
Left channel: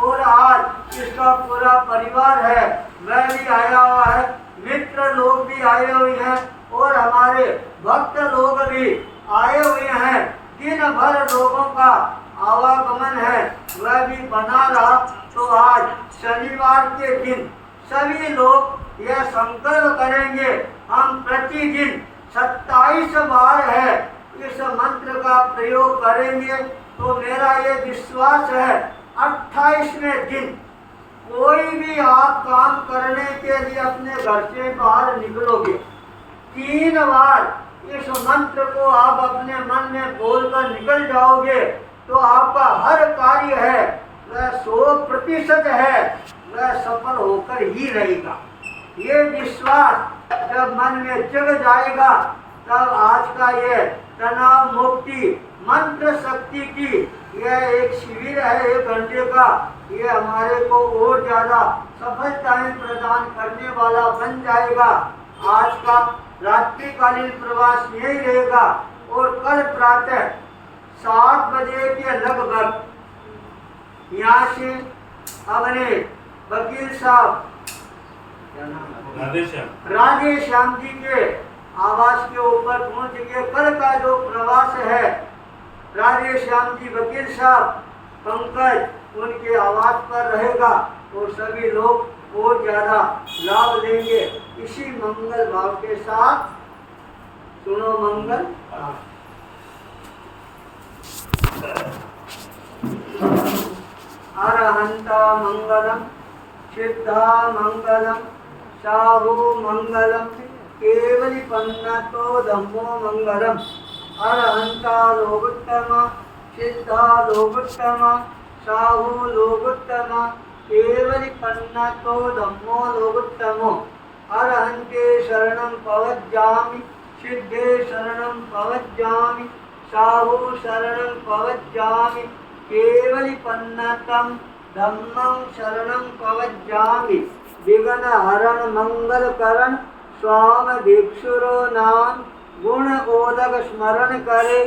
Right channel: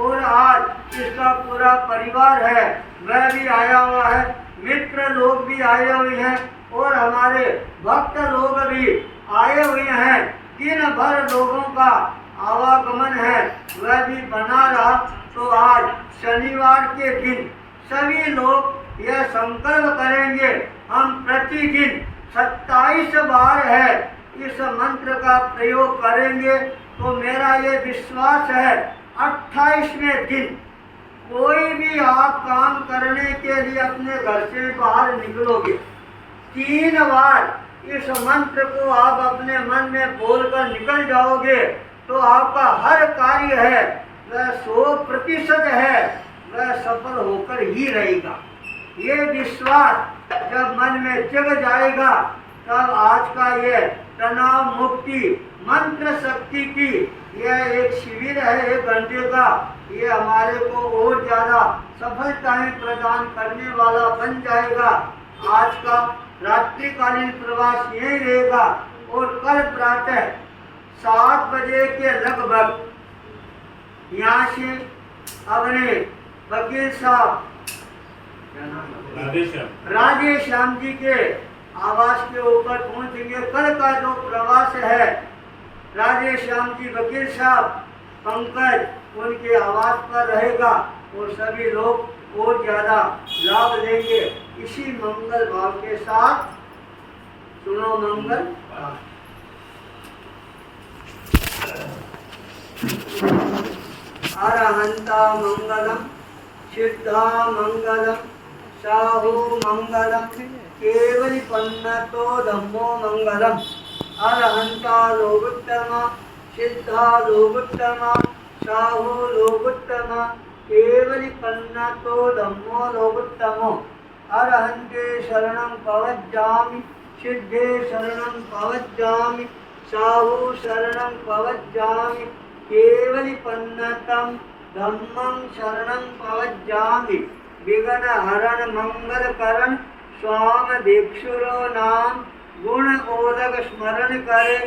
और आज इसका पूरा परिवार है वह भी आया हुआ है, मित्र लोग भी आए हुए हैं और हमारे भक्त लोग भी आए हुए हैं। दिन भर लोगों का आवागमन है वह भी बना रहा। तो आज शनिवार के दिन सभी लोग यह संकल्प करेंगे, हम प्रतिदिन 27 बार है इस मंत्र का प्रयोग करेंगे। तो मेरा ये विश्वास है 28वें दिन कोई भी आप काम करने के लिए अपने घर से बाहर निकलोगे, 3 बार इस मंत्र को आप अपने मन में बोलकर निकल जाओगे तो आपका हर कार्य है वह 100% है वह सफल होकर ही रहेगा। ये विश्वास जब मन में जग जाएगा तब आज का ये तनाव मुक्ति मंत्र शक्ति की यह एक शिविर है 1 घंटे का, ये हमारे को और ज्यादा सफलताएं प्रदान करने वाला बन जाएगा। आज का रात्रिकालीन प्रवास यही रहेगा और कल प्रातः 7 बजे के लगभग यहाँ से अपने वकील साहब राधे श्याम जी के आवास के ऊपर पहुंचेंगे। कल का जो प्रवास है राधे श्याम जी वकील साहब पंकज उनके आवास पर रहेगा और सभी लोग और ज्यादा लाभ लेंगे। इसी मंगल भाव के साथ सुनो मंगल। अरहंता मंगलम, सिद्धा मंगलम, साहु मंगलम, केवली पन्नतो धम्मो मंगलम। अरहंता लोकोत्तम, सिद्धा लोकोत्तम, साहु लोकोत्तम, केवली पन्नतो धम्मो लोकोत्तमो। अरहंते शरणं पवज्जामि, सिद्धे शरणं पवज्जामि, साहु शरणं पवज्जामि, केवली पन्नतं धम्मं शरणं पवज्जामि। विघ्न हरण मंगल करण स्वाम भिक्षुरो नाम, गुण ओदक स्मरण करे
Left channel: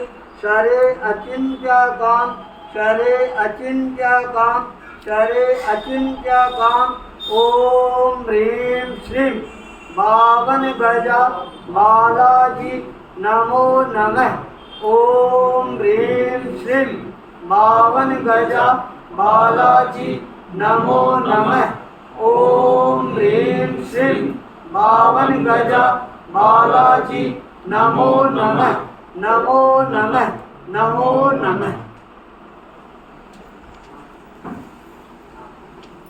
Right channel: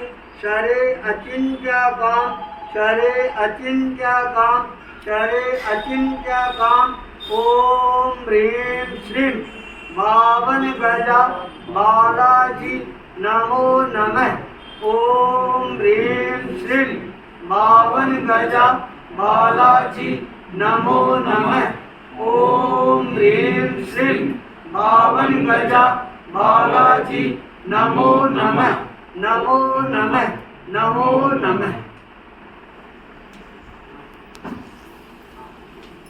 शरे अचिंत्य काम, शरे अचिंत्य काम, शरे अचिंत्य काम। ओम ह्रीं श्रीं बावन गजा बालाजी नमो नमः। ओम ह्रीं श्रीं बावन गजा बालाजी नमो नमः। ओम ह्रीं श्रीं बावन गजा बालाजी नमो नमः। नमो नमः, नमो नमः।